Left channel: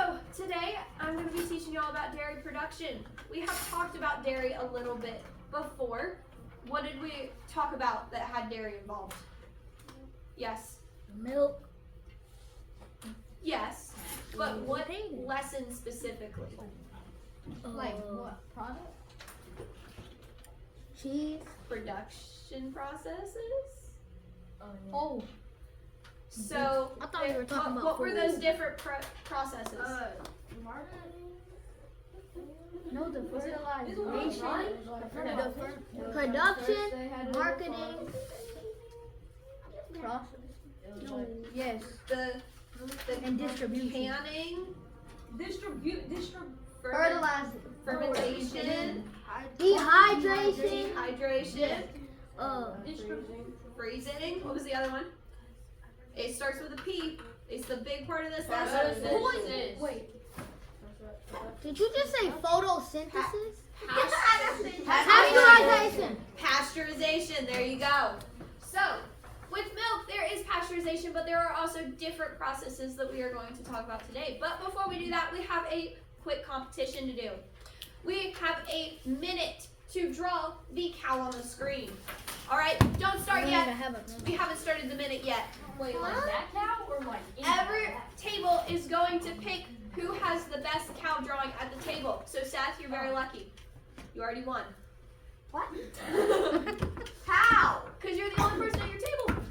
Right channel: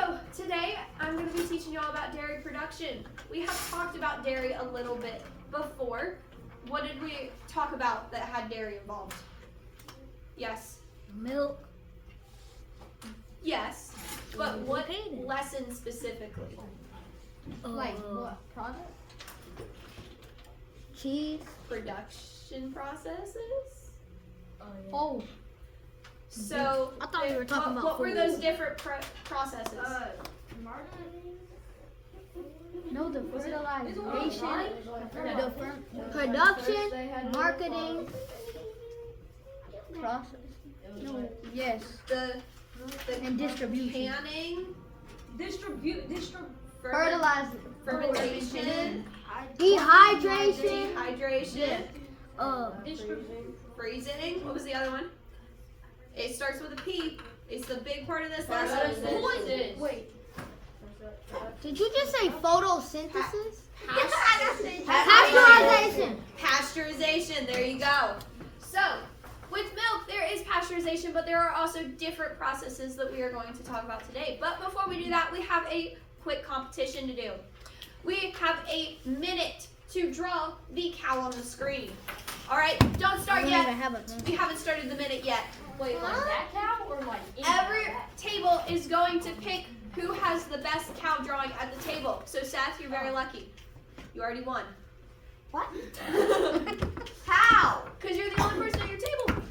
So today I'm going to be teaching you all about dairy production. We have talked about dairy a little bit before. What did we talk about that had dairy involved? Yes. Milk. Yes. But what lesson specifically? Like what product? Cheese. Production processes? Oh. So, I thought we were talking about what were those food. different processes? No, the fertilization, the production, marketing, process. No, yes. The And distribution. canning, Fertilizing. fermentation, Dehydration. dehydration, Freezing. freezing. What was the other one? It starts with a P. It's the big part of this lesson. Wait. Did you just say photosynthesis? Pasteurization. Pasteurization. There you go. So, with milk, there is pasteurization, but there are also different processes that we are going to talk about today. But before we do that, we have a quick competition to do. We have a minute to draw the cow on the screen. All right, don't start yet. We haven't started the minute yet. Wait, like that cow or like Every table is going to pick who has the best cow drawing at the table. So Seth, you're very lucky. You already won. What? How? Because you're the only person at your table.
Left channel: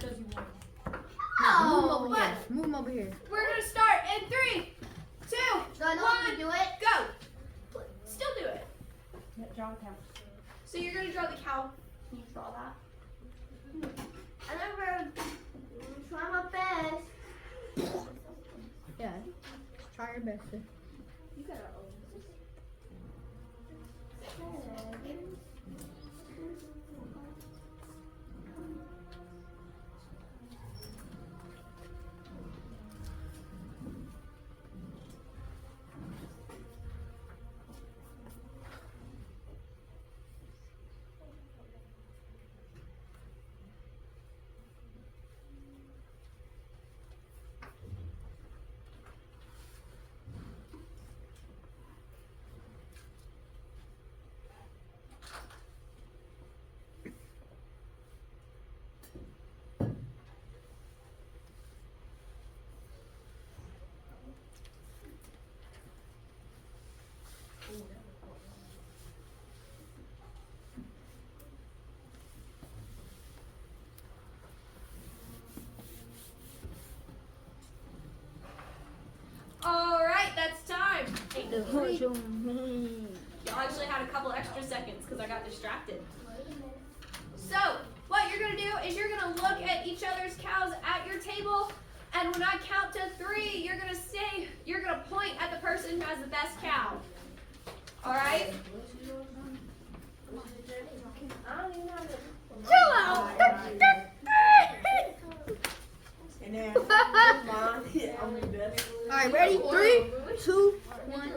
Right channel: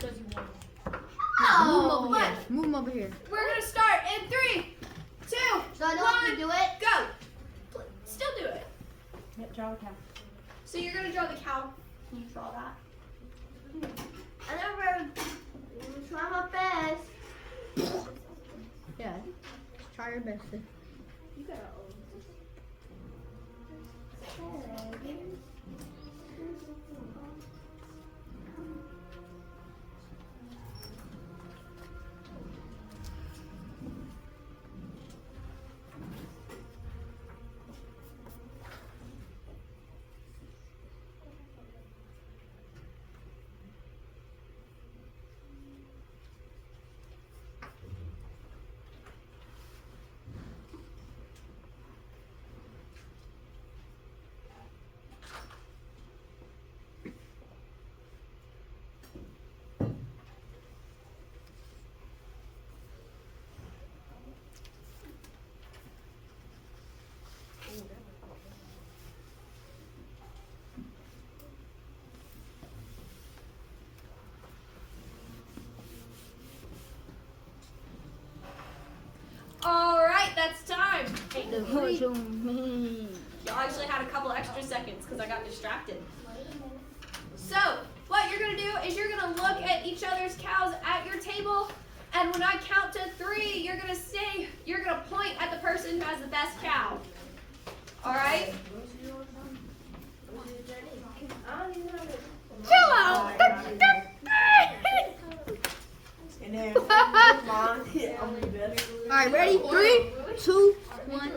Move but Move him over here. we're gonna start in 3, 2, So I know 1, how to do it? go. Still do it. draw a cow. So you're gonna draw the cow. Can you draw that? I never try my best. Yeah. Try your best. You gotta All right, that's time. Y'all actually had a couple extra seconds because I got distracted. So, what you're going to do is you're going to look at each other's cows at your table, and when I count to 3, you're going to point at the person who has the best cow. All right? Chill out. And then, come on. Yeah, I'm the best. Alright, ready? 3, 2, 1.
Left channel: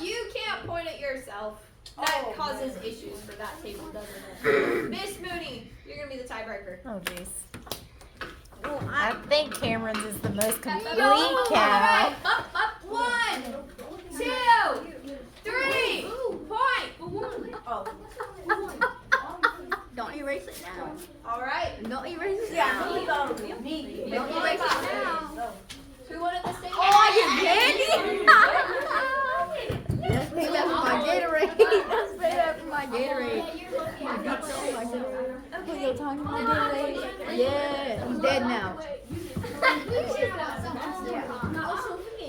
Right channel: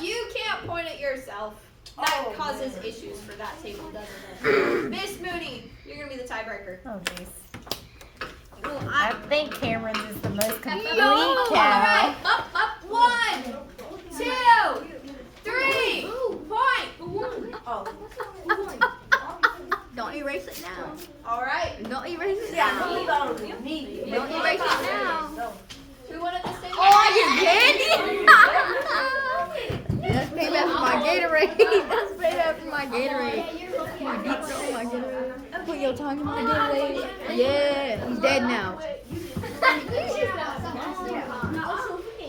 You can't point at yourself. That causes issues for that table, doesn't it? Miss Mooney, you're going to be the tiebreaker. Oh, jeez. I think Cameron's is the most complete All cow. right. 1, 2, 3. Point. Oh. Don't erase it now. All right. Don't erase it Yeah, now. he thought it was me. Don't erase it now. Who wanted this thing? Oh, you did? That's made after my Gatorade. That's made after my Gatorade. My deep throat, my Gatorade. Put your tongue in my Gatorade. Yeah, he's dead now.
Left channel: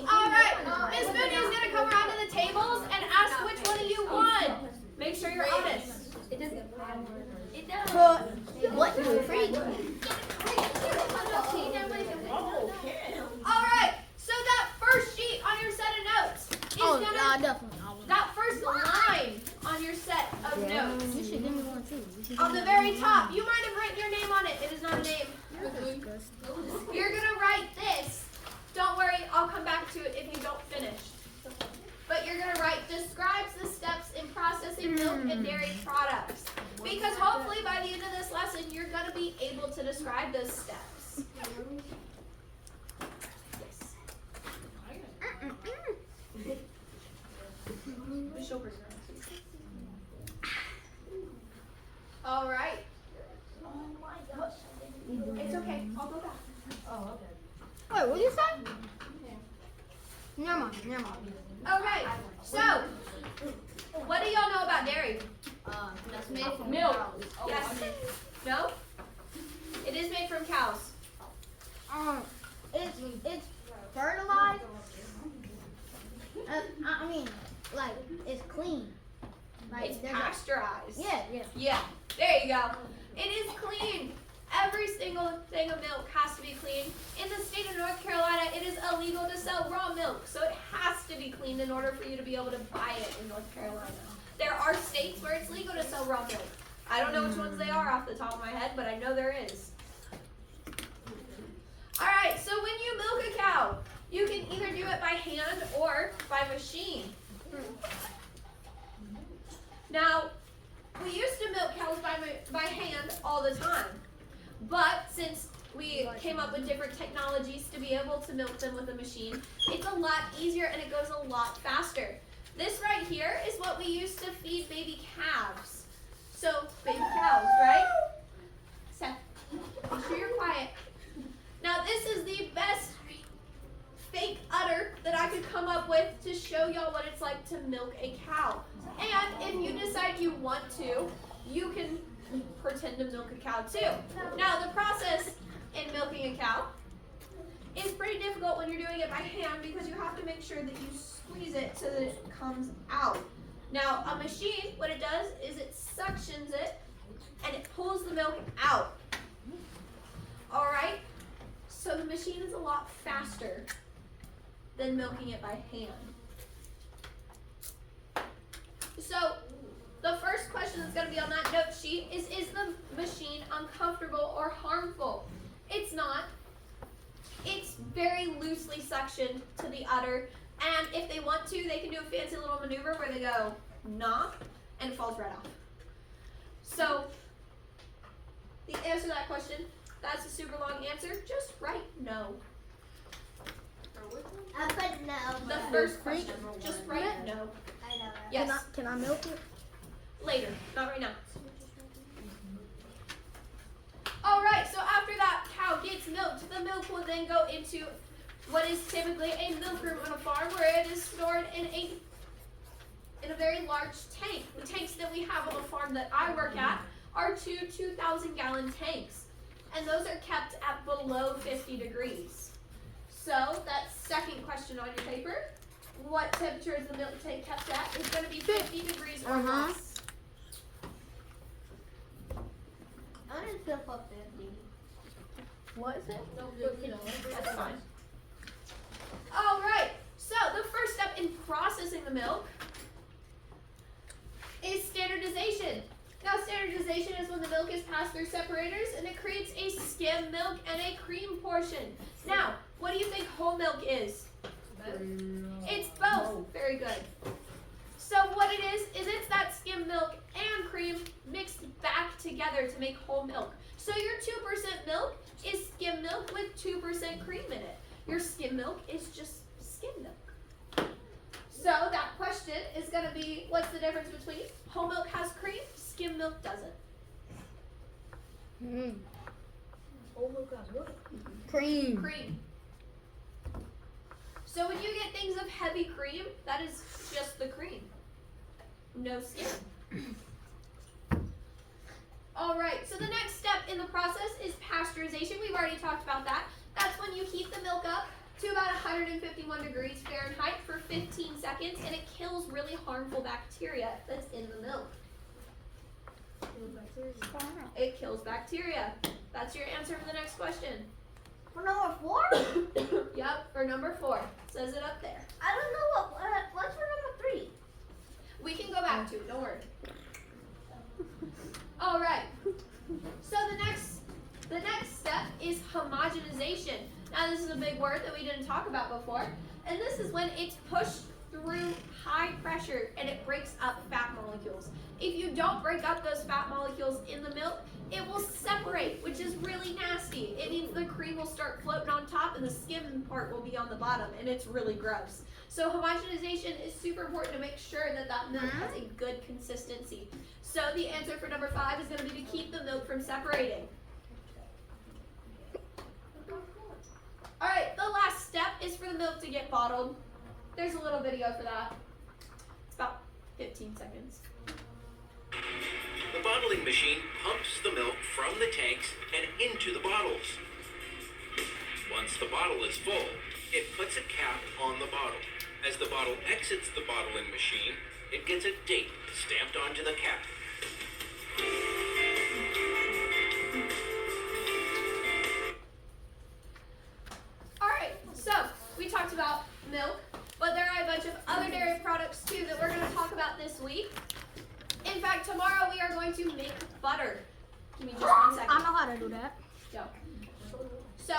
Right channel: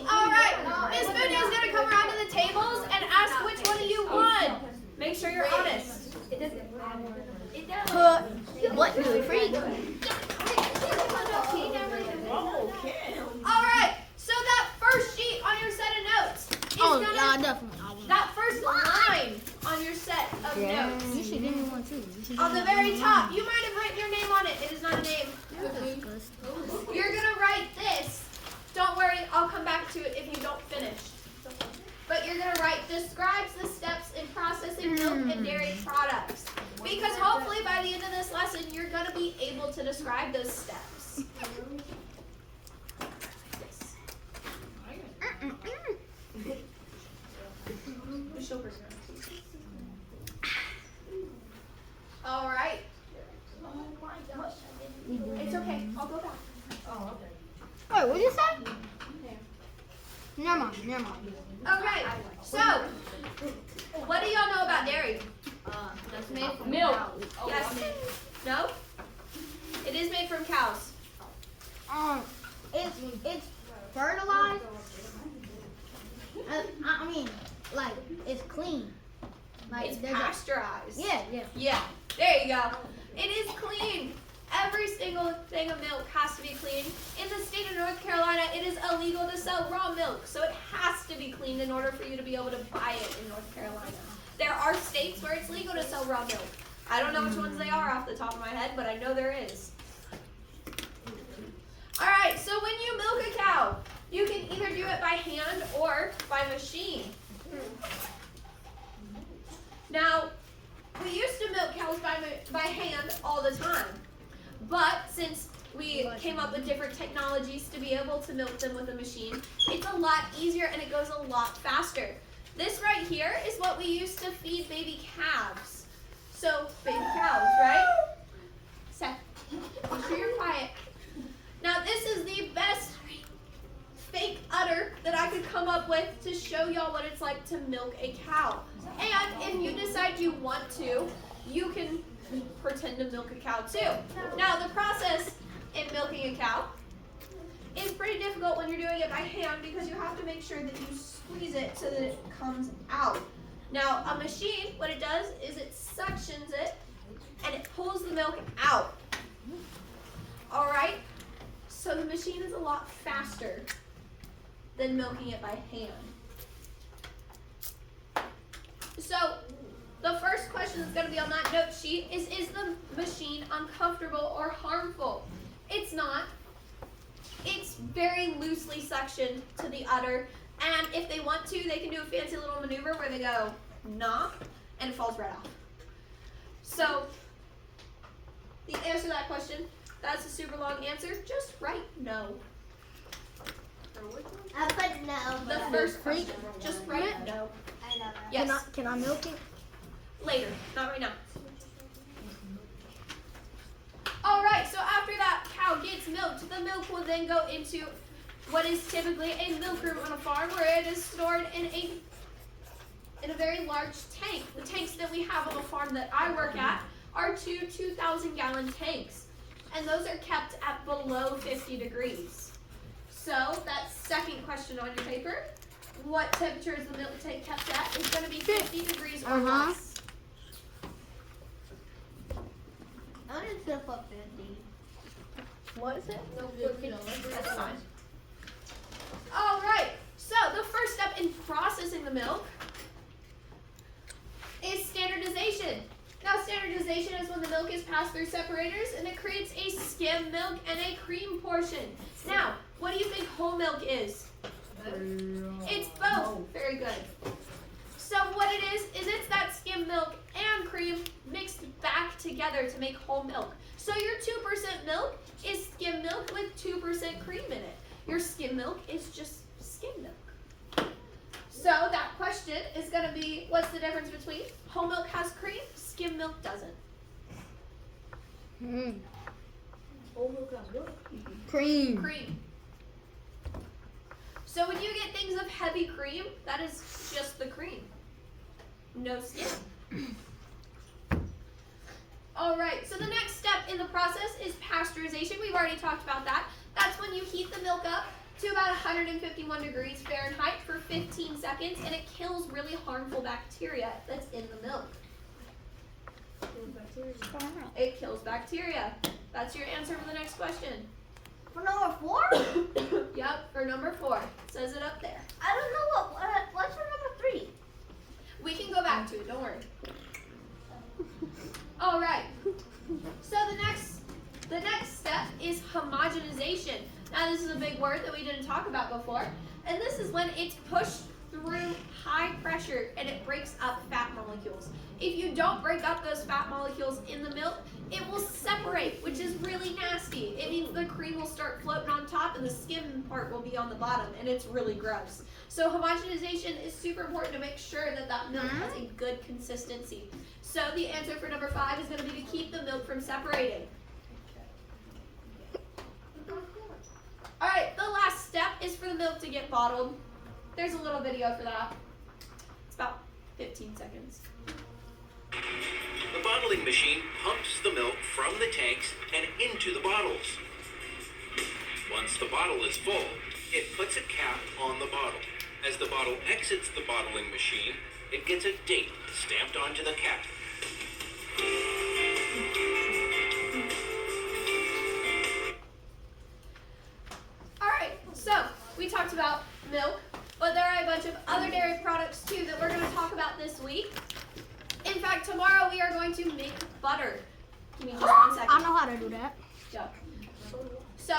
All right. Miss Mooney is going to come around to the tables and ask which one of you won. Make sure you're honest. What? You're free. Oh, okay. All right. So that first sheet on your set of notes is Oh, going to definitely. that first line on your set of notes. You should give me one too. On the very top, you might have written your name on it. It is not a name. You're going to write this. Don't worry, I'll come back to it if you don't finish. But you're going to write describes the steps in processing milk and dairy products. Because hopefully by the end of this lesson, you're going to be able to describe those steps. Wait, what did you say? Never mind. Okay, so what do y'all know about dairy? Milk. Yes. No? It is made from cows. It's fertilized. I mean, like it's clean. Like It's there's pasteurized. yeah. Yeah, there you go. It is clean. Every single thing of milk has to be clean. In the state of North Carolina, it is illegal to sell raw milk, so it has to be cleaned in order for you to be able to buy it in North Carolina. There are states where it's legal to sell raw milk. I don't know which ones they are off the top of my head, but I know there is. Alright, so when you milk a cow, you can either do it by hand or by machine. Now, we used to milk cows by hand all the time, but since we came up with different technologies to be able to milk them with a machine, it's a lot easier and it goes a lot faster. This right here is what we used to feed baby calves. So, baby cows, right? Seth, make sure you're quiet. Now, this is the best fake udder that I could come up with to show y'all what it's like to milk a cow. And if you decide you want to, you can pretend to milk a cow too. Now, the process in milking a cow is pretty difficult when you're doing it by hand because you have to make sure that you squeeze it so that it comes out. Now, a machine, what it does is it suctions it and it pulls the milk out. Alright? So the machine is a lot faster than milking it by hand. So, the first question that's going to be on that note sheet is the machine uncomfortable or harmful? It's not. It's very loosely suctioned to the udder, and if they want to, they can do a fancy little maneuver where they go, nah, and it falls right off. So, the answer to that question, that's a super long answer, just write no. I put no. The first question, just write no. Yes, Can I milk it? later, not right now. Alright, so after that cow gets milked, the milk will then go into what is typically a milk room on a farm where it is stored in a very large tank. The tanks that we have on the farm that I work at are two 2,000-gallon tanks, and those are kept at below 50 degrees. So that second question on your paper, what temperature is the milk tank kept at? It's going to be 50 degrees or less. I want to flip up 50. What is it? That's fine. All right. So the first step in processing the milk is standardization. Now, standardization is when the milk is passed through separators and it creates a skim milk and a cream portion. Now, what do you think whole milk is? It's both. Very good. So what it is it's that skim milk and cream mixed back together to make whole milk. So your 2% milk is skim milk with 2% cream in it. Your skim milk is just skim milk. So that question is going to be, what's the difference between whole milk has cream, skim milk doesn't? Cream. Cream. So when you get things of heavy cream, that is just the cream. No skim. Alright, so the next step in the process is pasteurization. We've already talked about that. That's when you heat the milk up to about 151 degrees Fahrenheit for 15 seconds, and it kills really harmful bacteria that's in the milk. It kills bacteria. That's your answer for the next question. For number 4? Yep, for number 4. It says it up there. I don't know what's for number 3. We can go back to it, don't worry. All right. So the next step is homogenization. Now this is a big word that we didn't talk about before, and this is when it's pushed through high pressure and it breaks up fat molecules. If you don't break up those fat molecules in the milk, it will separate, which is really nasty. It means the cream will start floating on top and the skim part will be on the bottom, and it's really gross. So homogenization is super important to make sure that that milk has a good consistency. So the answer for number 5 is going to be to keep the milk from separating. All right, the last is for the milk to get bottled. There's a little video for that. It's about 15 seconds. The bottling machine pumps the milk from the tanks and into the bottles. Once the bottle is full, it puts a cap on the bottle. As the bottle exits the bottling machine, it gets a date stamped onto the cap. Alright, so we talked about milk, but there are a bunch of other dairy products too that we're going to talk about this week. In fact, tomorrow we are going to make butter. Give me just 1 second. I know how to do that. Go. So,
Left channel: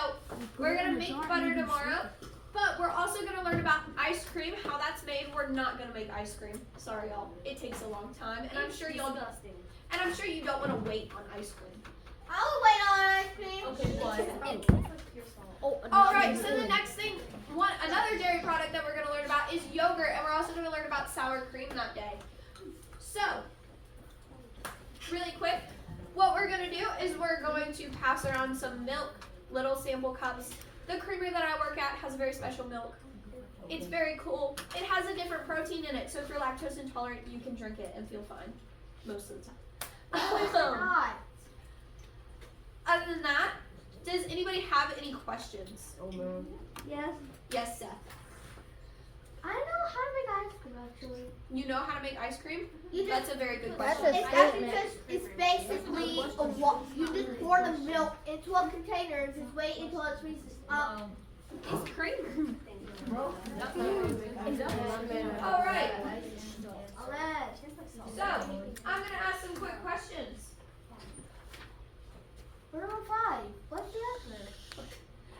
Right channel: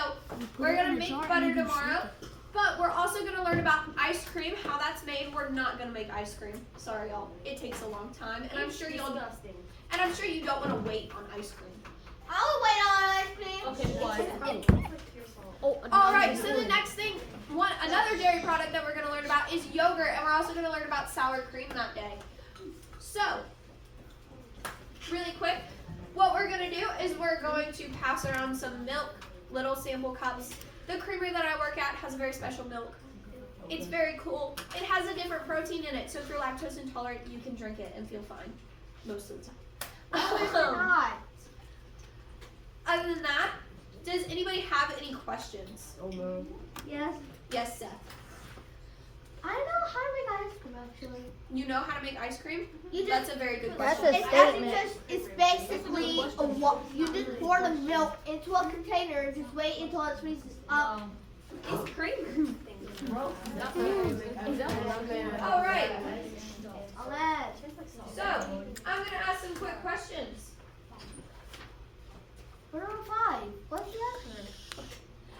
we're going to make butter tomorrow, but we're also going to learn about ice cream, how that's made. We're not going to make ice cream. Sorry, y'all. It takes a long time, and I'm sure you don't want to wait on ice cream. I'll wait on ice cream. All right, so the next thing, another dairy product that we're going to learn about is yogurt, and we're also going to learn about sour cream that day. So, really quick, what we're going to do is we're going to pass around some milk, little sample cups. The creamery that I work at has a very special milk. It's very cool. It has a different protein in it, so if you're lactose intolerant, you can drink it and feel fine most of the time. Other than that, does anybody have any questions? Oh no. Yes. Yes, Seth. I know how to make ice cream actually. You know how to make ice cream? You just That's a very good That's question. a It's actually statement. just, it's basically you just pour the milk into a container, just wait until it freezes up. It's cream. Bro. All right. Alright. So, I'm going to ask some quick questions. Number 5. What's the answer?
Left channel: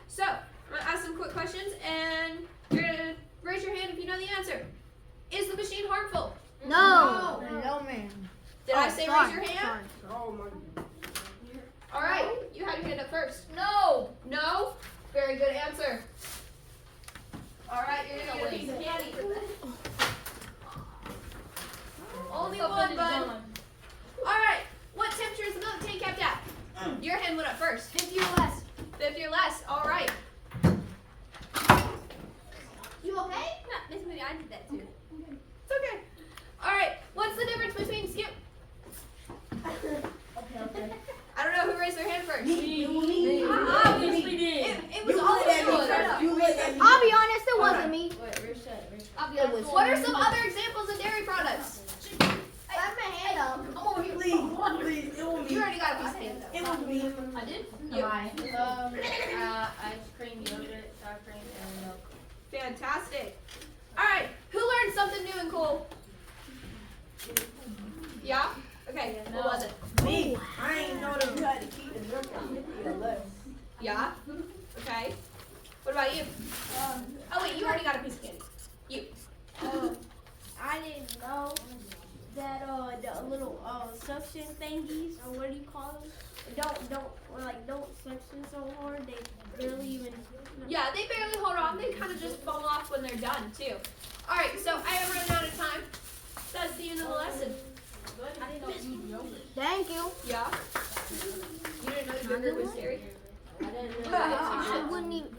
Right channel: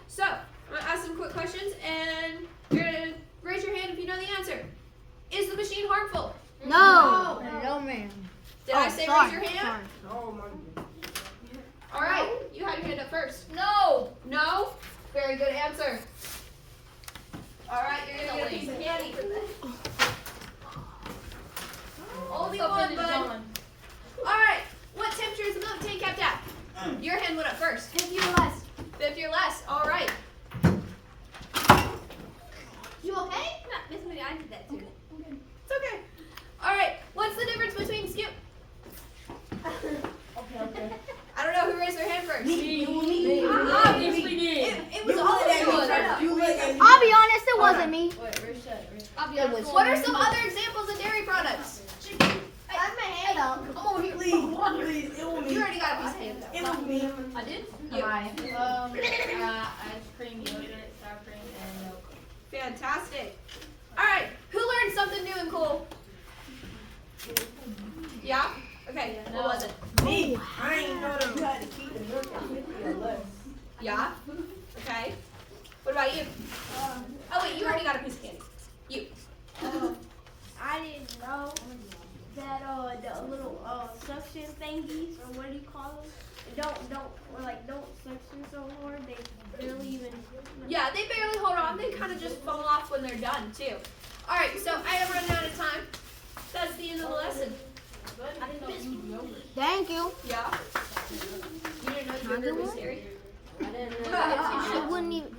So, I'm going to ask some quick questions, and you're going to raise your hand if you know the answer. Is the machine harmful? No. No, man. Did I say raise your hand? Oh my. All right, you had your hand up first. No. No? Very good answer. All right, you're going to get a piece of candy. Only one, bud. All right, what temperature is the milk tank kept at? Your hand went up first. 50 or less. 50 or less. All right. You okay? Miss Moody, I did that too. It's okay. All right, what's the difference between skip? Okay. I don't know who raised their hand first. Me. It was all of you. You look at me. I'll be honest, it wasn't me. What are some other examples of dairy products? I have my hand up. Oh, please, it was me. You already got a piece of candy. It was me. I did? You. Ice cream, yogurt, sour cream, and milk. Fantastic. All right, who learned something new and cool? Yeah? Okay, what was it? Me. I ain't know that you had to keep the milk at 50 or less. Yeah? Okay. What about you? Oh wait, you already got a piece of candy. You. I didn't know that the little suction thingies, or what do you call them? They don't suction so hard. They barely even. Yeah, they barely hold on. They kind of just fall off when they're done too. All right, so I am running out of time. That's the end of the lesson. I didn't know you used yogurt. Thank you. Yeah? You didn't know yogurt was dairy? I didn't know. I wouldn't even.